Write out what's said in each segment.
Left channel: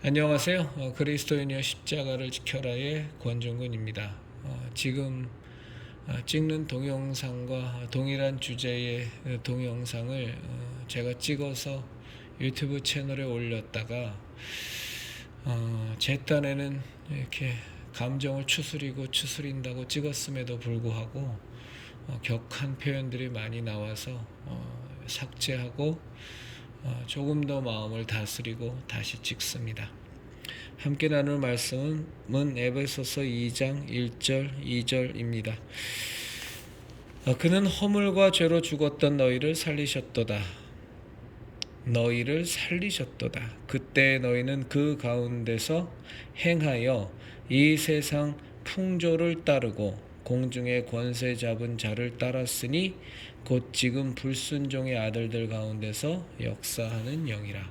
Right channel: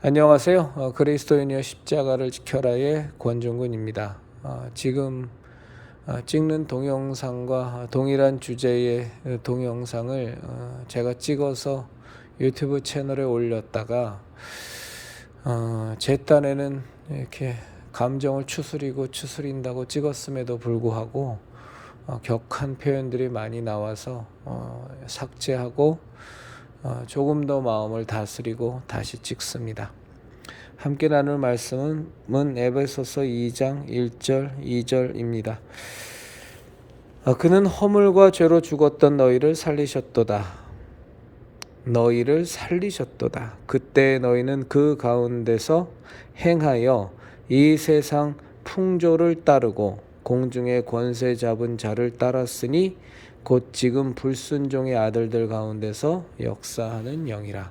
안녕하세요. 그리스도인이여 십자가를 지켜라의 권종근입니다. 지금 찍는 동영상과 동일한 주제의 동영상을 제가 찍어서 유튜브 채널에 올렸다가 제 딴에는 이렇게 감정을 추스린다고 찍었음에도 불구하고 격한 표현들이 많이 나와서 삭제하고 조금 더 마음을 다스리고 다시 찍습니다. 함께 나눌 말씀은 에베소서 2장 1절 2절입니다. 그는 허물과 죄로 죽었던 너희를 살리셨도다. 그때 너희는 그 가운데서 행하여 이 세상 풍조를 따르고 공중의 권세 잡은 자를 따랐으니 곧 지금 불순종의 아들들 가운데서 역사하는 영이라.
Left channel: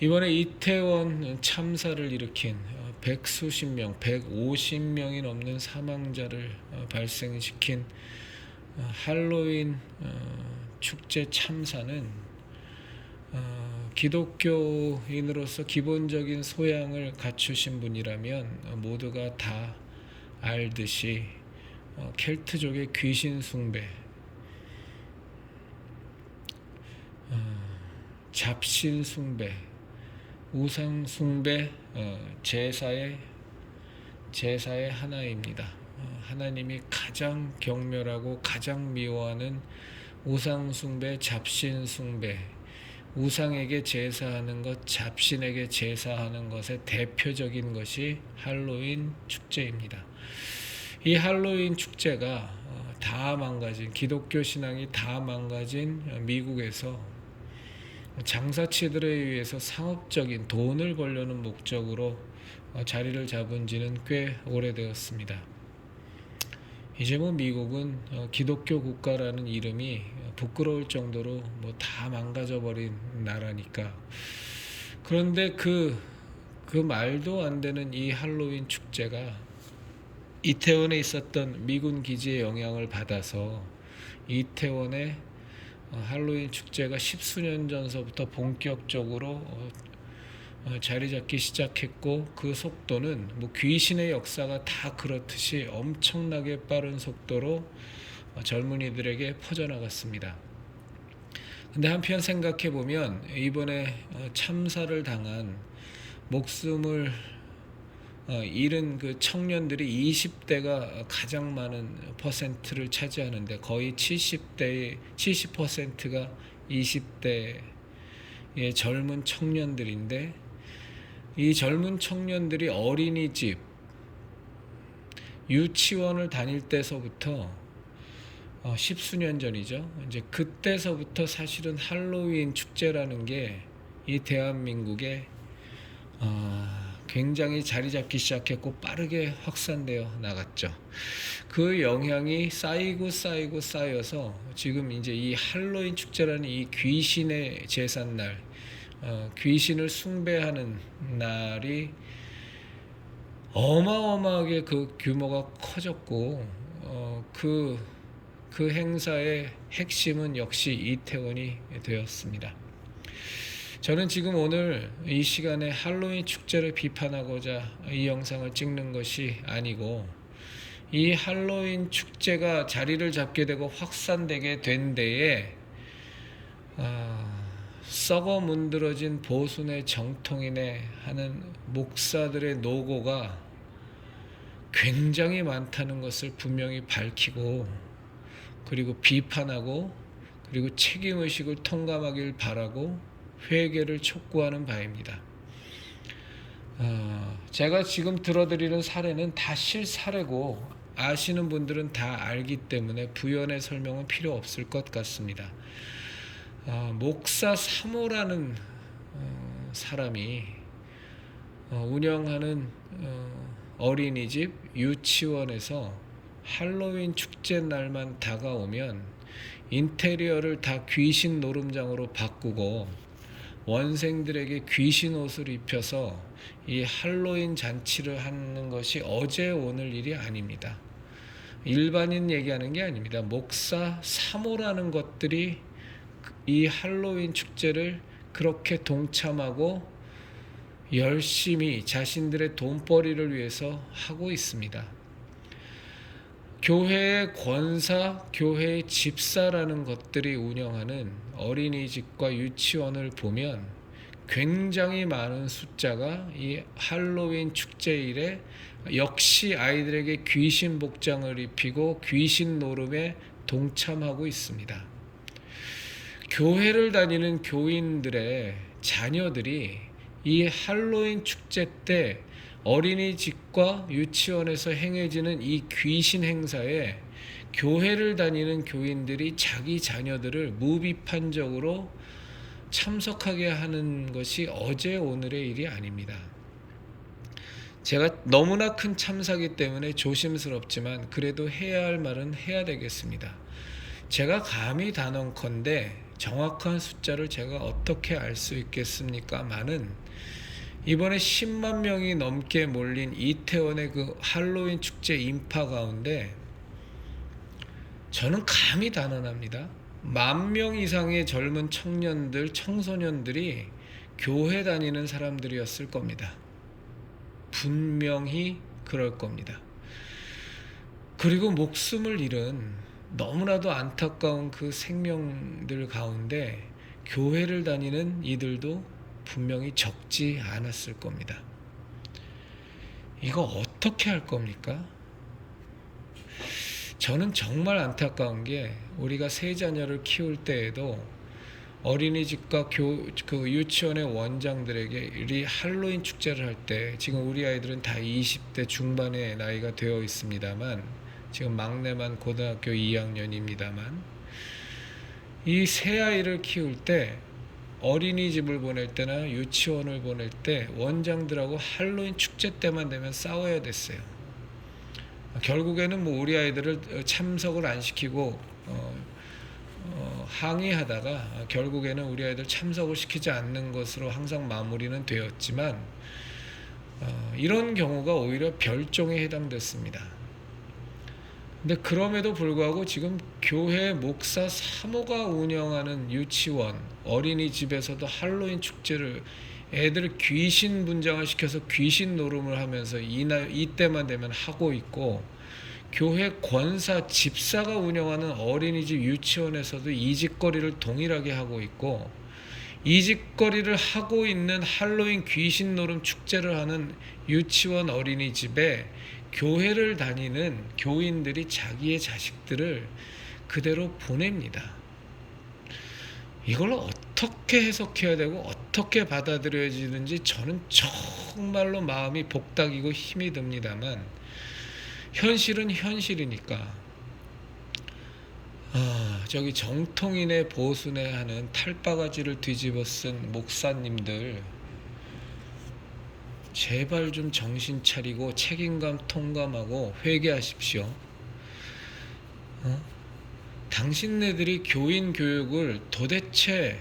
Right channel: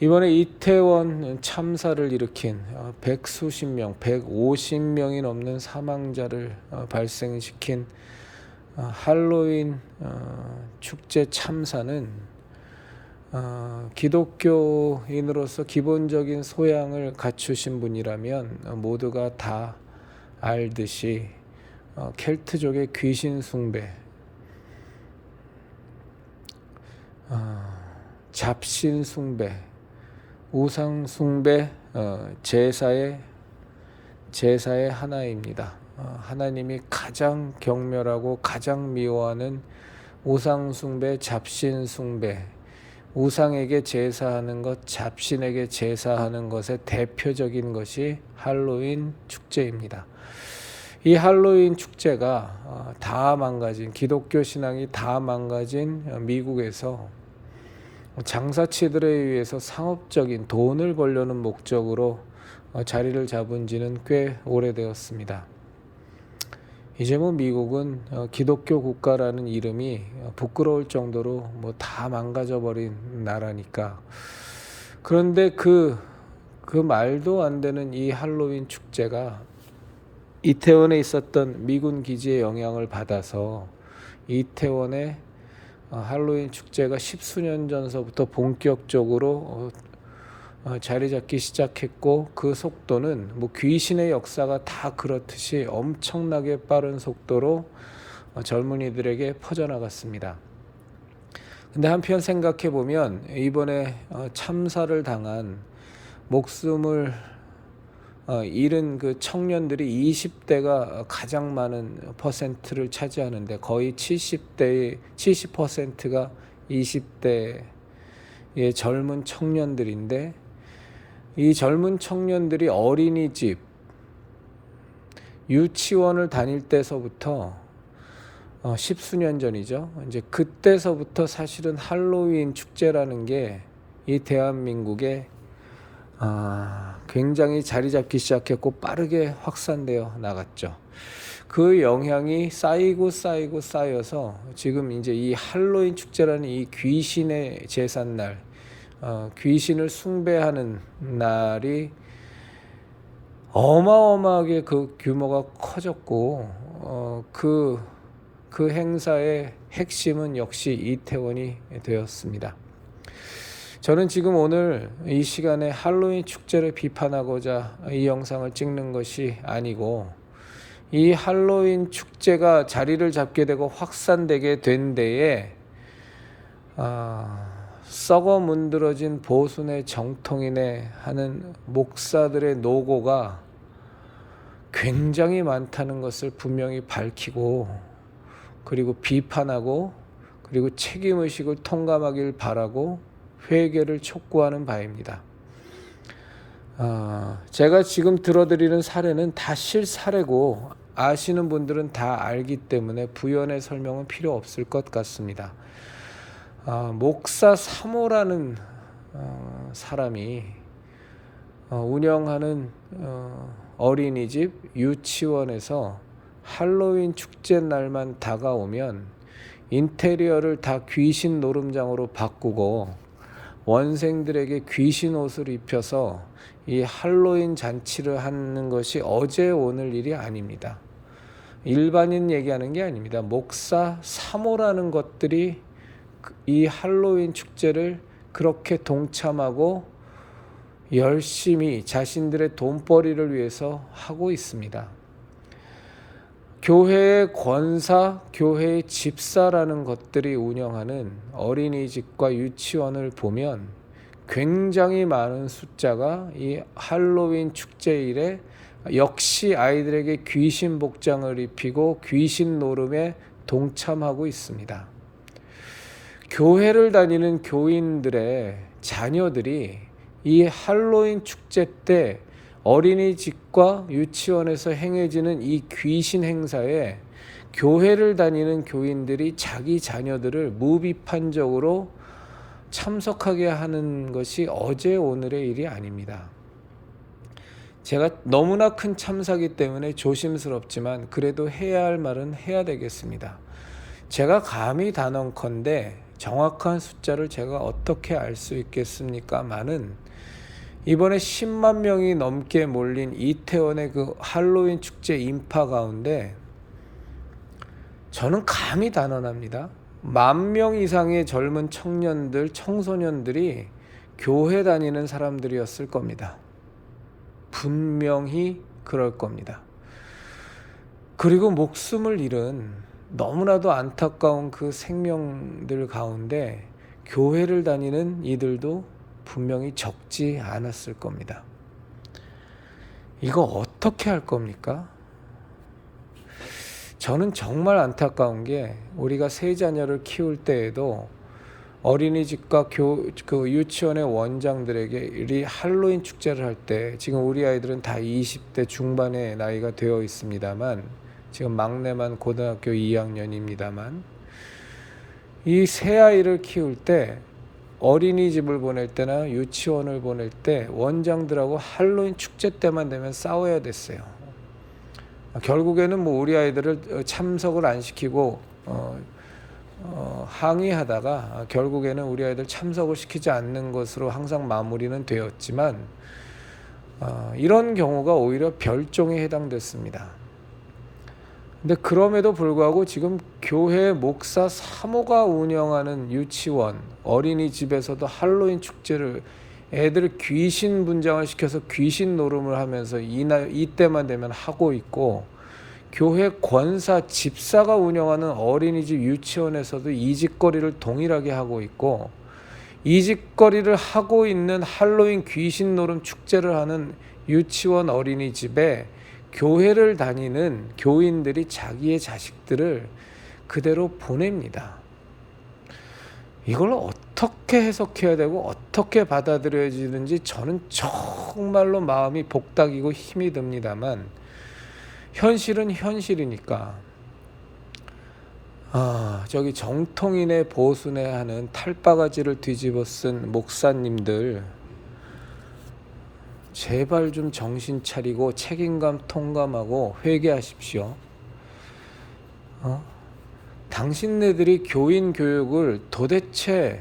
이번에 이태원 참사를 일으킨 150명이 넘는 사망자를 발생시킨 할로윈 축제 참사는 기독교인으로서 기본적인 소양을 갖추신 분이라면 모두가 다 알듯이 켈트족의 귀신 숭배, 잡신 숭배, 우상 숭배, 제사의 하나입니다. 하나님이 가장 경멸하고 가장 미워하는 우상 숭배, 잡신 숭배, 우상에게 제사하는 것, 잡신에게 제사하는 것의 대표적인 것이 할로윈 축제입니다. 이 할로윈 축제가 다 망가진, 기독교 신앙이 다 망가진 미국에서 장사치들에 의해서 상업적인 돈을 벌려는 목적으로 자리를 잡은 지는 꽤 오래되었습니다. 이제 미국은 기독교 국가라는 이름이 부끄러울 정도로 다 망가져 버린 나라니까. 그런데 그 말도 안 되는 이 할로윈 축제가 이태원에 있었던 미군 기지의 영향을 받아서 이태원의 할로윈 축제가 십수년 전서부터 본격적으로 자리 잡기 시작했고, 그 속도는 귀신의 역사가 다 그렇듯이 엄청나게 빠른 속도로 젊은이들에게 퍼져나갔습니다. 근데 한편 생각해 보면 이번에 참사를 당한 목숨을 잃은 그 청년들이 20대가 가장 많은 퍼센트를 차지하는데, 거의 70%가 20대의 젊은 청년들인데, 이 젊은 청년들이 어린이집, 유치원을 다닐 때서부터 십수년 전이죠. 이제 그때서부터 사실은 할로윈 축제라는 게 이 대한민국에 굉장히 자리 잡기 시작했고 빠르게 확산되어 나갔죠. 그 영향이 쌓여서 지금 이제 이 할로윈 축제라는 이 귀신의 제삿날, 귀신을 숭배하는 날이 어마어마하게 그 규모가 커졌고, 그 행사의 핵심은 역시 이태원이 되었습니다. 저는 지금 오늘 이 시간에 할로윈 축제를 비판하고자 이 영상을 찍는 것이 아니고, 이 할로윈 축제가 자리를 잡게 되고 확산되게 된 데에 썩어 문드러진 보수네 정통이네 하는 목사들의 노고가 굉장히 많다는 것을 분명히 밝히고, 그리고 비판하고, 그리고 책임의식을 통감하길 바라고 회개를 촉구하는 바입니다. 제가 지금 들어드리는 사례는 다 실사례고 아시는 분들은 다 알기 때문에 부연의 설명은 필요 없을 것 같습니다. 목사 3호라는 사람이 운영하는 어린이집, 유치원에서 할로윈 축제 날만 다가오면 인테리어를 다 귀신 노름장으로 바꾸고 원생들에게 귀신 옷을 입혀서 이 할로윈 잔치를 하는 것이 어제 오늘 일이 아닙니다. 일반인 얘기하는 게 아닙니다. 목사 3호라는 것들이 이 할로윈 축제를 그렇게 동참하고 열심히 자신들의 돈벌이를 위해서 하고 있습니다. 교회의 권사, 교회의 집사라는 것들이 운영하는 어린이집과 유치원을 보면 굉장히 많은 숫자가 이 할로윈 축제일에 역시 아이들에게 귀신 복장을 입히고 귀신 노름에 동참하고 있습니다. 교회를 다니는 교인들의 자녀들이 이 할로윈 축제 때 어린이집과 유치원에서 행해지는 이 귀신 행사에 교회를 다니는 교인들이 자기 자녀들을 무비판적으로 참석하게 하는 것이 어제 오늘의 일이 아닙니다. 제가 너무나 큰 참사기 때문에 조심스럽지만 그래도 해야 할 말은 해야 되겠습니다. 제가 감히 단언컨대 정확한 숫자를 제가 어떻게 알 수 있겠습니까마는 이번에 10만 명이 넘게 몰린 이태원의 그 할로윈 축제 인파 가운데 저는 감히 단언합니다. 10,000명 이상의 젊은 청년들, 청소년들이 교회 다니는 사람들이었을 겁니다. 분명히 그럴 겁니다. 그리고 목숨을 잃은 너무나도 안타까운 그 생명들 가운데 교회를 다니는 이들도 분명히 적지 않았을 겁니다. 이거 어떻게 할 겁니까? 저는 정말 안타까운 게 우리가 세 자녀를 키울 때에도 어린이집과 그 유치원의 원장들에게 이 할로윈 축제를 할 때 지금 우리 아이들은 다 20대 중반의 나이가 되어 있습니다만 지금 막내만 고등학교 2학년입니다만 이 세 아이를 키울 때 어린이집을 보낼 때나 유치원을 보낼 때 원장들하고 할로윈 축제 때만 되면 싸워야 됐어요. 결국에는 뭐 우리 아이들을 참석을 안 시키고 항의하다가 결국에는 우리 아이들 참석을 시키지 않는 것으로 항상 마무리는 되었지만 이런 경우가 오히려 별종에 해당됐습니다. 근데 그럼에도 불구하고 지금 교회 목사 사모가 운영하는 유치원, 어린이집에서도 할로윈 축제를 애들을 귀신 분장을 시켜서 귀신 노름을 하면서 이때만 되면 하고 있고 교회 권사, 집사가 운영하는 어린이집 유치원에서도 이 짓거리를 동일하게 하고 있고 이 짓거리를 하고 있는 할로윈 귀신 노름 축제를 하는 유치원 어린이집에 교회를 다니는 교인들이 자기의 자식들을 그대로 보냅니다. 이걸 어떻게 해석해야 되고 어떻게 받아들여지는지 저는 정말로 마음이 복닥이고 힘이 듭니다만 현실은 현실이니까 저기 정통인의 보순회 하는 탈바가지를 뒤집어 쓴 목사님들 제발 좀 정신 차리고 책임감 통감하고 회개하십시오. 당신네들이 교인 교육을 도대체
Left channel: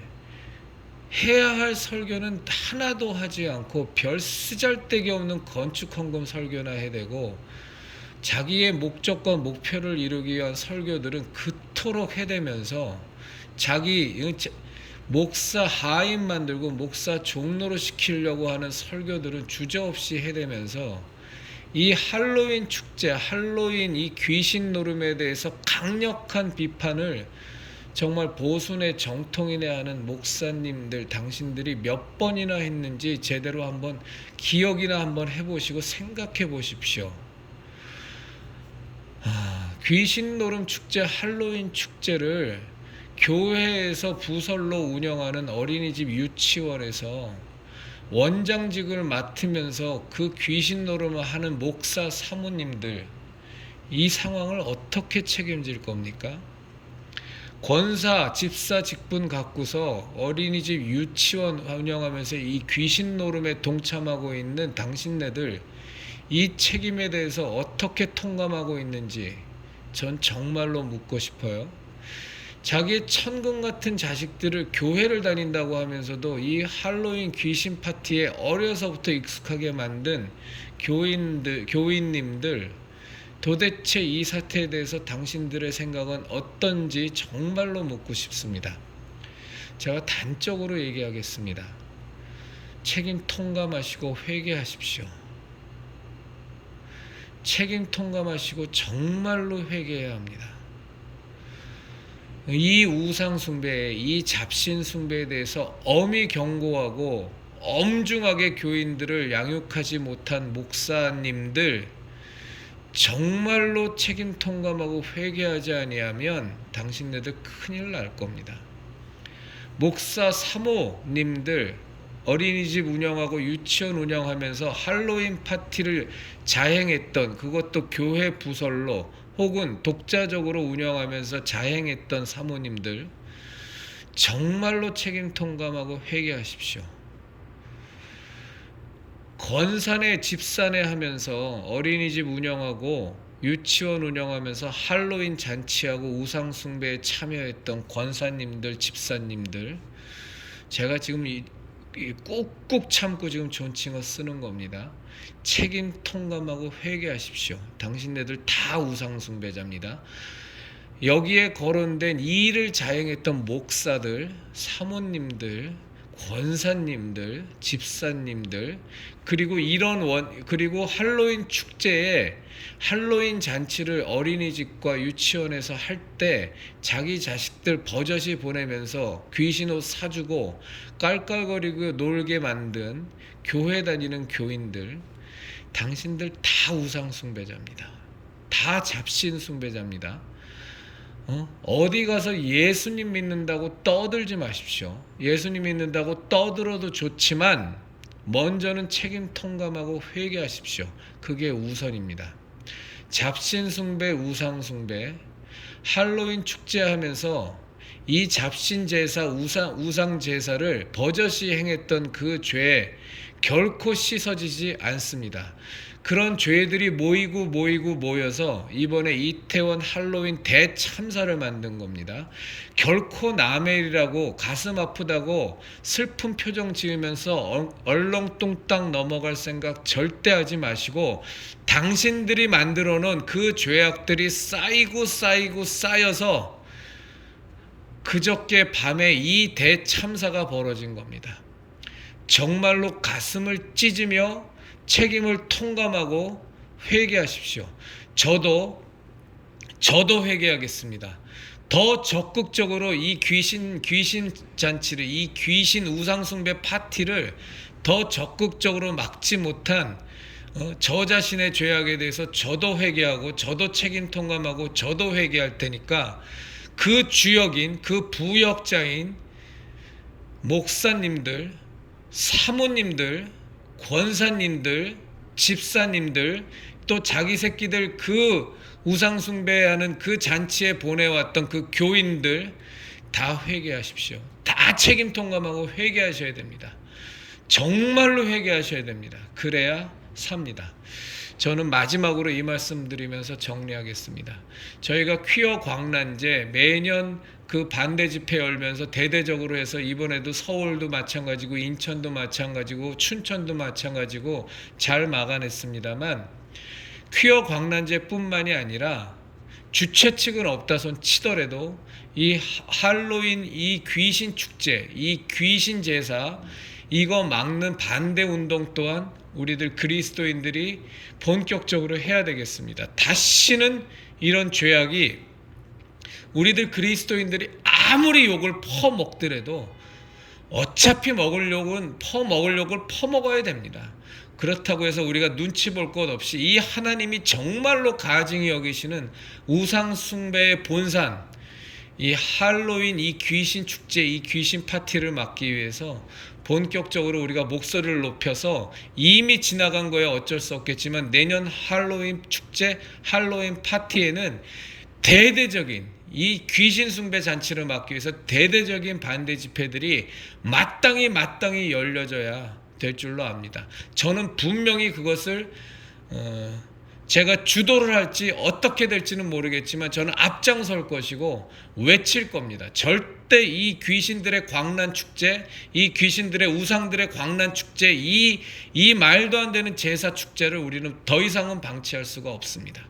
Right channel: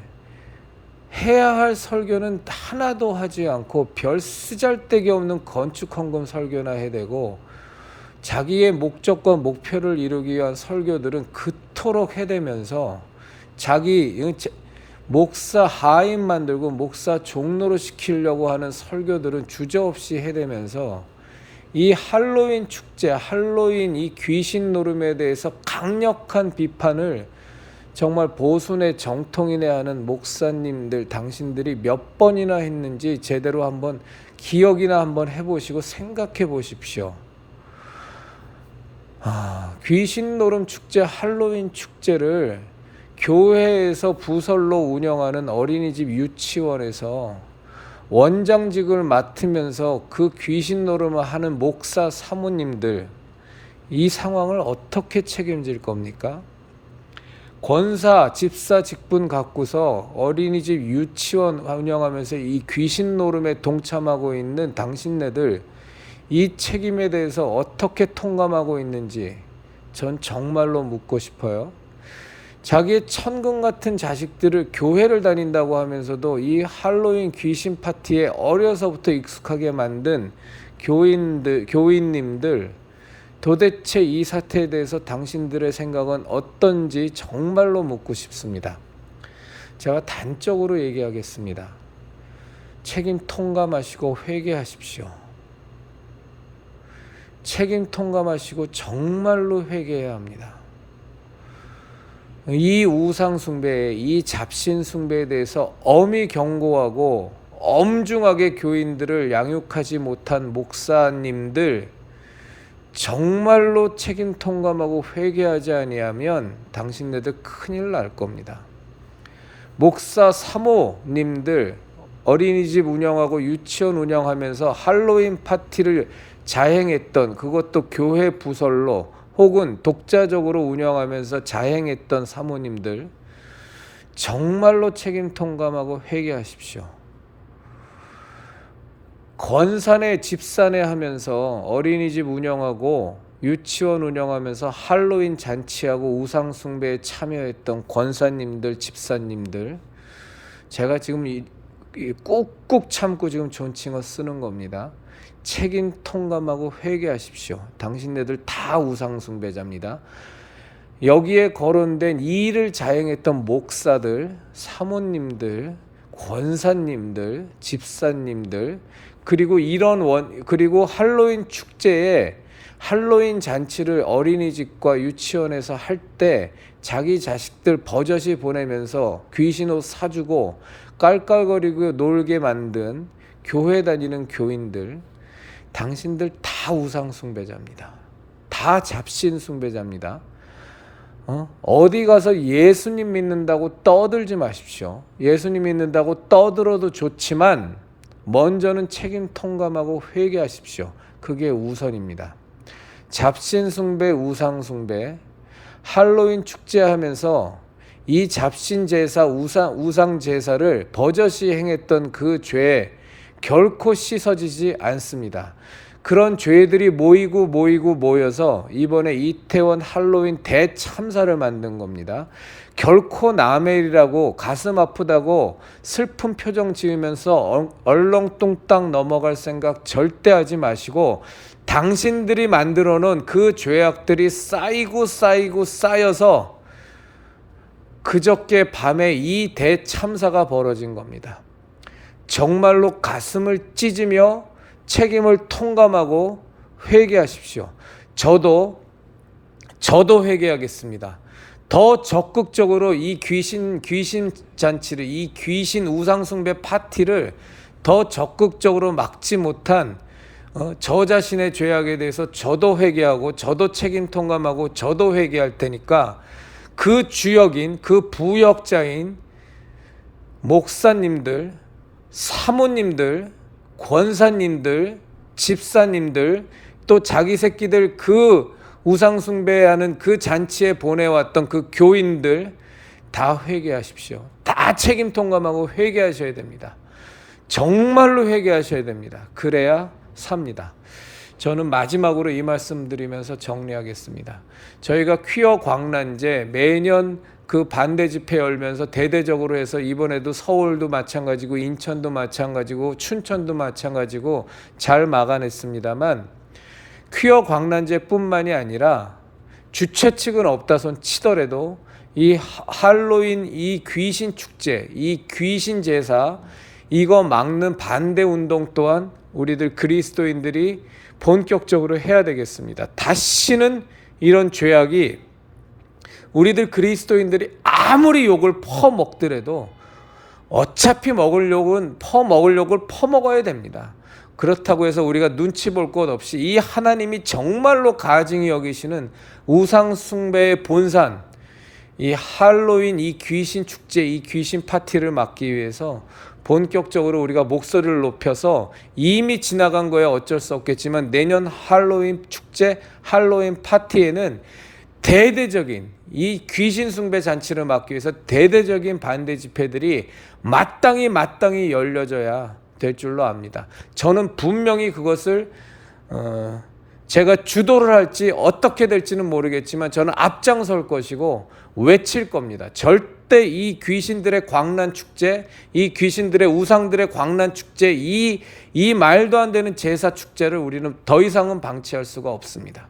해야 할 설교는 하나도 하지 않고 별 쓰잘데기 없는 건축 헌금 설교나 해대고 자기의 목적과 목표를 이루기 위한 설교들은 그토록 해대면서 자기 목사 하인 만들고 목사 종로로 시키려고 하는 설교들은 주저없이 해대면서 이 할로윈 축제, 할로윈 이 귀신 노름에 대해서 강력한 비판을 정말 보순의 정통인에 하는 목사님들 당신들이 몇 번이나 했는지 제대로 한번 기억이나 한번 해보시고 생각해 보십시오. 귀신 노름 축제, 할로윈 축제를 교회에서 부설로 운영하는 어린이집 유치원에서 원장직을 맡으면서 그 귀신 노름을 하는 목사 사모님들 이 상황을 어떻게 책임질 겁니까? 권사, 집사 직분 갖고서 어린이집 유치원 운영하면서 이 귀신 노름에 동참하고 있는 당신네들 이 책임에 대해서 어떻게 통감하고 있는지 전 정말로 묻고 싶어요. 자기의 천금 같은 자식들을 교회를 다닌다고 하면서도 이 할로윈 귀신 파티에 어려서부터 익숙하게 만든 교인님들 도대체 이 사태에 대해서 당신들의 생각은 어떤지 정말로 묻고 싶습니다. 제가 단적으로 얘기하겠습니다. 책임 통감하시고 회개하십시오. 책임 통감하시고 정말로 회개해야 합니다. 이 우상 숭배, 이 잡신 숭배에 대해서 엄히 경고하고 엄중하게 교인들을 양육하지 못한 목사님들, 정말로 책임 통감하고 회개하지 아니하면 당신네들 큰일 날 겁니다. 목사 사모님들, 어린이집 운영하고 유치원 운영하면서 할로윈 파티를 자행했던, 그것도 교회 부설로 혹은 독자적으로 운영하면서 자행했던 사모님들, 정말로 책임 통감하고 회개하십시오. 권사네 집사네 하면서 어린이집 운영하고 유치원 운영하면서 할로윈 잔치하고 우상 숭배에 참여했던 권사님들, 집사님들, 제가 지금 꾹꾹 참고 지금 존칭어 쓰는 겁니다. 책임 통감하고 회개하십시오. 당신네들 다 우상 숭배자입니다. 여기에 거론된 이 일을 자행했던 목사들, 사모님들, 권사님들, 집사님들, 그리고 그리고 할로윈 축제에 할로윈 잔치를 어린이집과 유치원에서 할 때 자기 자식들 버젓이 보내면서 귀신 옷 사주고 깔깔거리고 놀게 만든 교회 다니는 교인들, 당신들 다 우상 숭배자입니다. 다 잡신 숭배자입니다. 어디 가서 예수님 믿는다고 떠들지 마십시오. 예수님 믿는다고 떠들어도 좋지만 먼저는 책임 통감하고 회개하십시오. 그게 우선입니다. 잡신 숭배, 우상 숭배, 할로윈 축제하면서 이 잡신 제사, 우상 제사를 버젓이 행했던 그 죄 결코 씻어지지 않습니다. 그런 죄들이 모여서 이번에 이태원 할로윈 대참사를 만든 겁니다. 결코 남의 일이라고 가슴 아프다고 슬픈 표정 지으면서 얼렁뚱땅 넘어갈 생각 절대 하지 마시고, 당신들이 만들어 놓은 그 죄악들이 쌓여서 그저께 밤에 이 대참사가 벌어진 겁니다. 정말로 가슴을 찢으며 책임을 통감하고 회개하십시오. 저도 회개하겠습니다. 더 적극적으로 이 귀신 잔치를, 이 귀신 우상숭배 파티를 더 적극적으로 막지 못한 저 자신의 죄악에 대해서 저도 회개하고 저도 책임 통감하고 저도 회개할 테니까, 그 주역인, 그 부역자인 목사님들, 사모님들, 권사님들, 집사님들, 또 자기 새끼들 그 우상숭배하는 그 잔치에 보내왔던 그 교인들 다 회개하십시오. 다 책임 통감하고 회개하셔야 됩니다. 정말로 회개하셔야 됩니다. 그래야 삽니다. 저는 마지막으로 이 말씀 드리면서 정리하겠습니다. 저희가 퀴어 광란제 매년 그 반대 집회 열면서 대대적으로 해서 이번에도 서울도 마찬가지고 인천도 마찬가지고 춘천도 마찬가지고 잘 막아냈습니다만, 퀴어 광란제뿐만이 아니라 주최 측은 없다 손 치더라도 이 할로윈, 이 귀신 축제, 이 귀신 제사, 이거 막는 반대 운동 또한 우리들 그리스도인들이 본격적으로 해야 되겠습니다. 다시는 이런 죄악이, 우리들 그리스도인들이 아무리 욕을 퍼먹더라도 어차피 먹을 욕은 퍼먹어야 됩니다. 그렇다고 해서 우리가 눈치 볼 것 없이 이 하나님이 정말로 가증히 여기시는 우상 숭배의 본산, 이 할로윈, 이 귀신 축제, 이 귀신 파티를 막기 위해서 본격적으로 우리가 목소리를 높여서, 이미 지나간 거야 어쩔 수 없겠지만 내년 할로윈 축제, 할로윈 파티에는 대대적인 이 귀신 숭배 잔치를 막기 위해서 대대적인 반대 집회들이 마땅히 열려져야 될 줄로 압니다. 저는 분명히 그것을 제가 주도를 할지 어떻게 될지는 모르겠지만 저는 앞장설 것이고 외칠 겁니다. 절대 이 귀신들의 광란 축제, 이 귀신들의 우상들의 광란 축제, 이 말도 안 되는 제사 축제를 우리는 더 이상은 방치할 수가 없습니다.